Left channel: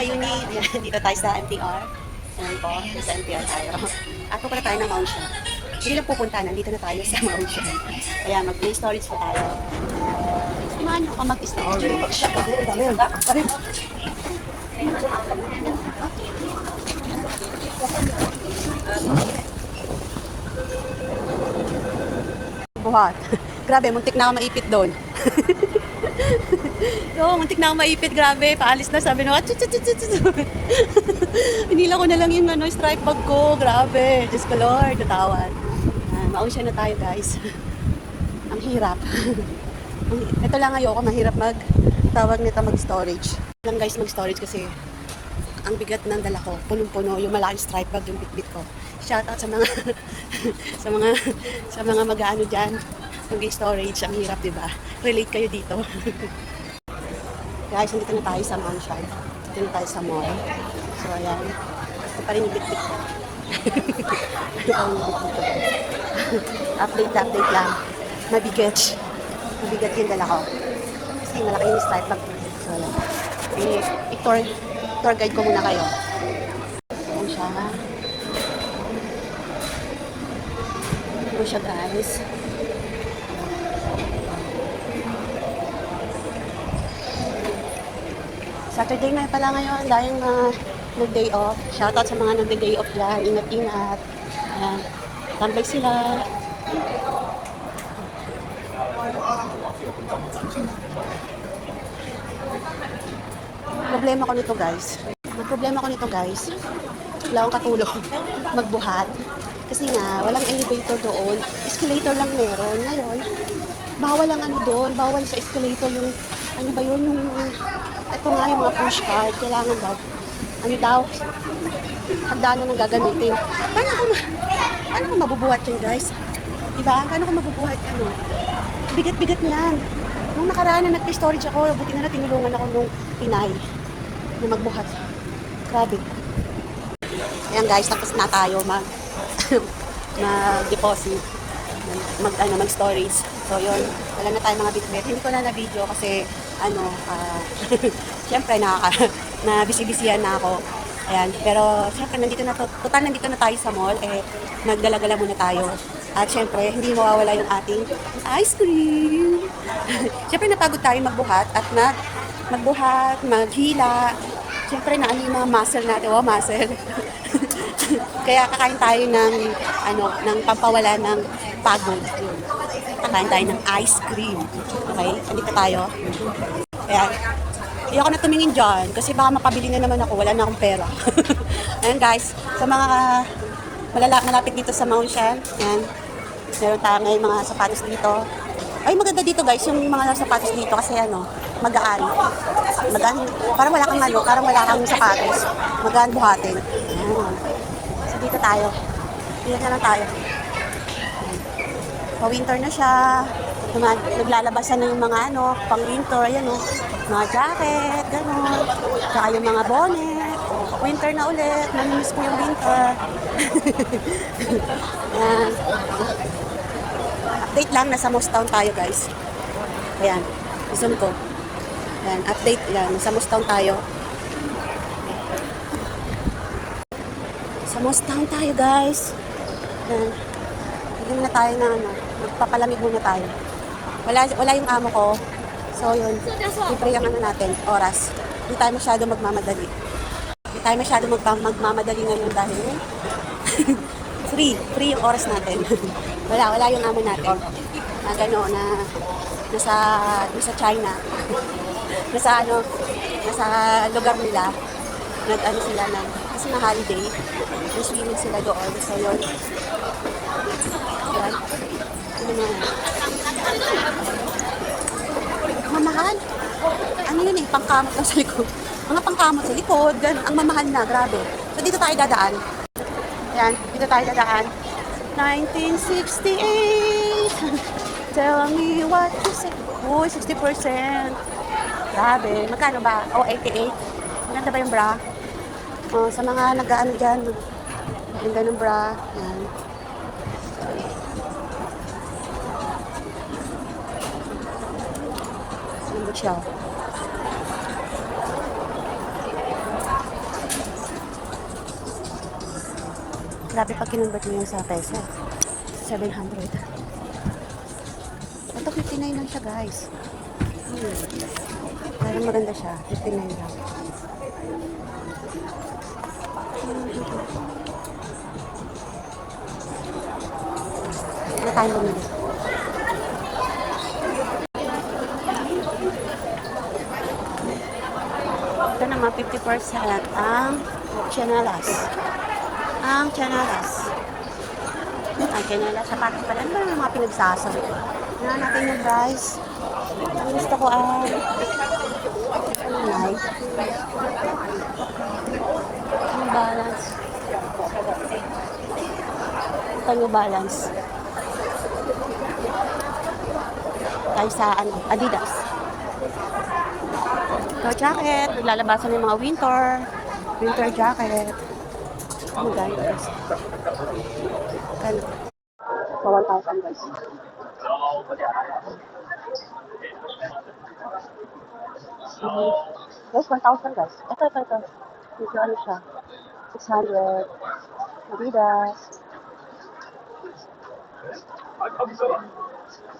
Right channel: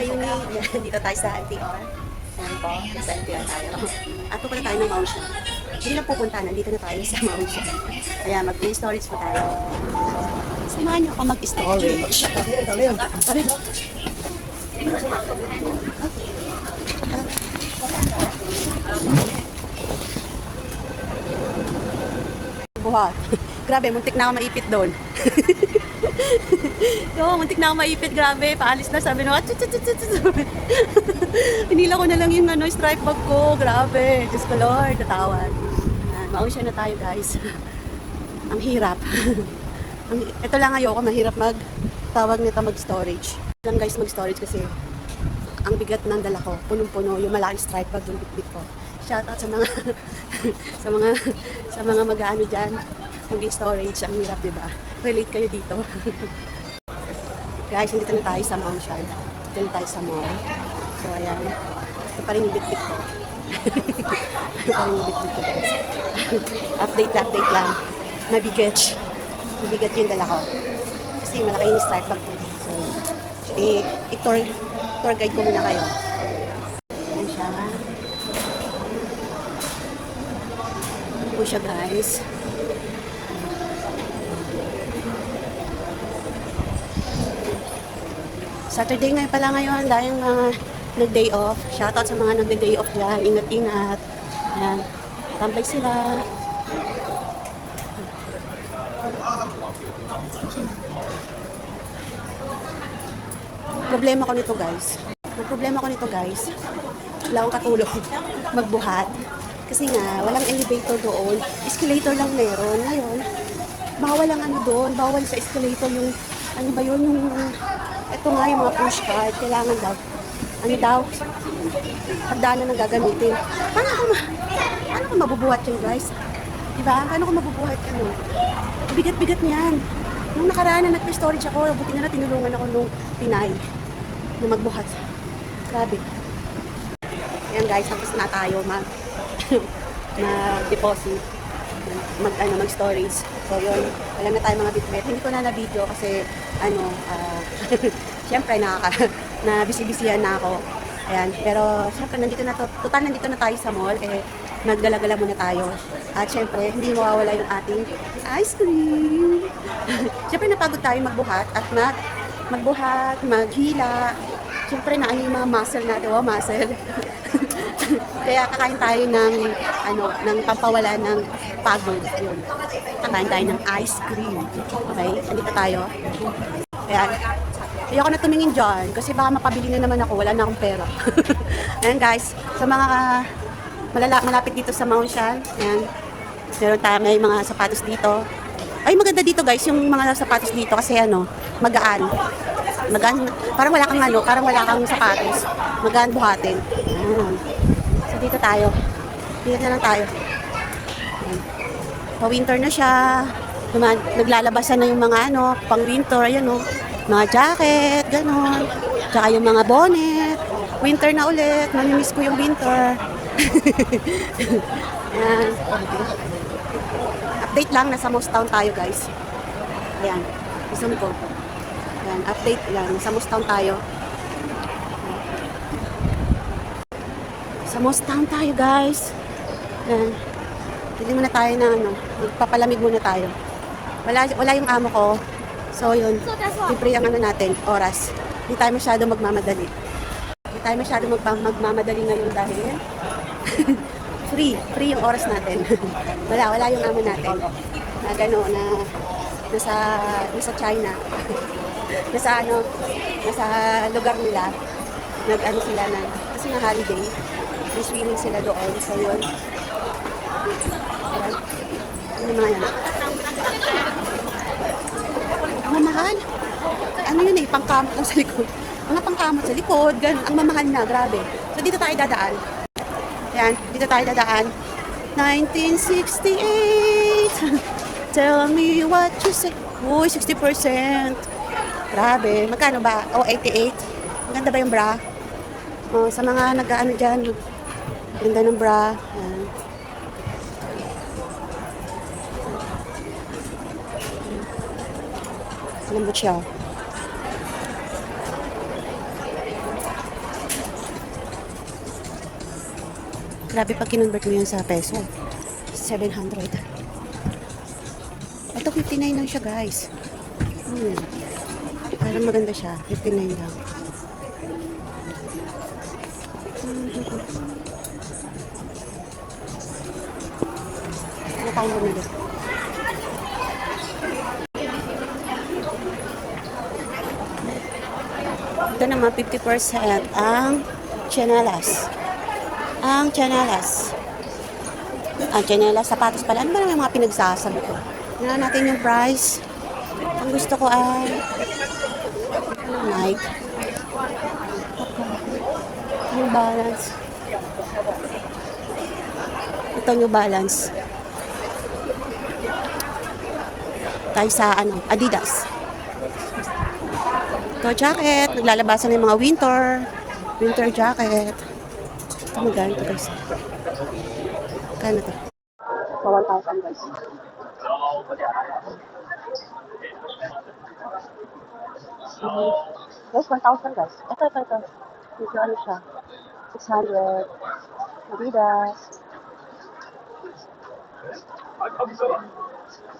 ka-uni, dito tayo sa NTR. Ayan po, sa NTR tayo. At pupunta tayo ng Mount. Hindi lang pupunta, nandito na tayo sa Mount Siya. Kaya mag-play storage po tayo. Samahan niyo ako mag-storage. Buhat. Grabe, muntik na ako maipit doon. Oo, muntik na ako maipit, grabe. Paalis na, sabi na, "Achut, achut, achut, achut." Hinila ko na lang yung ano, stripe bag ko. Grabe. Diyos ko, Lord, natawan. Yan, mausya na tayo, guys. Ang hirap. Ito lang ayoko, mahirap mag tawag nito mag-storage. Lang guys, mag-storage kasi ang bigat ng dala ko, punong-puno, yung malaking stripe bag yung bitbit ko. Shout out sa mga sa mga sa mga mag-ano diyan, mag-storage, ang hirap, 'di ba? Relate kayo dito. Guys, dito na tayo sa Shire. Dito na tayo sa mall. So, ayan. Ito pa rin yung bitbit ko. update, update lang. Mabigat. Mabigat yung dala ko. Kasi malaki yung bag ko. So, eh, i-tour, tour guide ko muna kayo. Ayan siya. Ayan siya guys. Saturday ngayon pala ngayon dahil na nag-day off. Shoutout sa mga nag-day off dyan. Ingat-ingat. Ayan. Tambay sila. problema ko nito guys. Ang problema ko nito guys, wala akong katulong magbuhat. Kasi nga, walang elevator doon. Escalator lang meron. Ngayon, bawal ang ano doon. Bawal sa escalator yung, ano ba yun, yung, ito nga yung mga push cart. Kailangan daw, ano daw, handa na nagagamitin. Paano ko, paano ko mabubuhat yun guys? Diba? Paano ko mabubuhat yun? Bigat-bigat niyan. Nung nakaraan na nag-storage ako, buti na na tinulungan ako nung Pinay na magbuhat. Grabe. Ayan guys, tapos na tayo mag mag-deposit mag ano mag so yun. Wala na tayo mga bitbit. Hindi ko na na video kasi ano ah syempre na na busy-busyhan na ako. Ayan. Pero syempre nandito na to, total nandito na tayo sa mall. Eh nagdala-gala muna tayo. At syempre hindi mawawala yung ating ice cream. Syempre napagod tayo magbuhat at mag magbuhat maghila. Syempre na ano yung mga muscle natin. Wow muscle kaya kakain tayo ng ano ng pampawala ng pagod. Kakain tayo ng ice cream. Okay? Dito tayo. Kaya hindi ako na tumingin dyan kasi baka mapabili na naman ako. Wala na akong pera. Ayan guys, sa mga malala, malapit dito sa Mount Shan, ayan, meron tayo, may mga sapatos dito. Ay, maganda dito guys, yung mga sapatos dito kasi ano, magaan. Magaan, parang wala kang ano, parang wala kang sapatos. Magaan buhatin. Ayan. Tayo. Dito na lang tayo. Pa-winter na siya. Naman, naglalabasan na yung mga ano, pang winter, ayan o. Mga jacket, gano'n. Tsaka yung mga bonnet. Winter na ulit. Namimiss ko yung winter. Ayan. Update lang, nasa Mostown tayo guys. Ayan, zoom ko. Ayan, update lang, nasa Mostown tayo. Sa Mostown tayo guys. Ayan. Hindi muna tayo na ano, magpapalamig muna tayo. Wala, wala yung amo ko. So yun, siyempre yung ano natin, oras. Hindi tayo masyado magmamadali. Hindi tayo masyado magma- magmamadali ngayon dahil free, free yung oras natin. wala, wala yung amo natin. Na gano'n, na nasa, nasa China. nasa ano, nasa lugar nila. Nag ano sila na, kasi na holiday. May swimming sila doon. So yun. Ano mga yan? Mamahal. Ano yun eh, pangkamot lang sa likod. Mga pangkamot sa likod, ganun. Ang mamahal na, grabe. So dito tayo dadaan. Yan, dito tayo dadaan. 1968. Tell me what you say. Uy, 60%. Grabe. Magkano ba? O, 88. Maganda ba yung bra? Oh, sa mga nag-ano dyan, ganda ng bra. Yan. Lambot siya. Grabe pag kinonvert mo yun sa peso. 700. Ito 59 lang siya guys. Hmm. Parang maganda siya. 59 lang. Ano tayo bumili? Ito naman 50% ang chanelas. Ang chanelas. Ang chanelas, sapatos pala. Ano ba yung mga pinagsasabi ko? Tingnan natin yung price. Ang gusto ko ay Nike. New Balance. Ito Balance. Tayo sa ano, Adidas. Ito jacket. Naglalabasan ng mga winter. Winter jacket. Ito magkano ito guys? Kano to? Sa 1,000 guys. Guys, 1,000 guys. Ito, ito, ito. Medyo ano siya. 600. Adidas.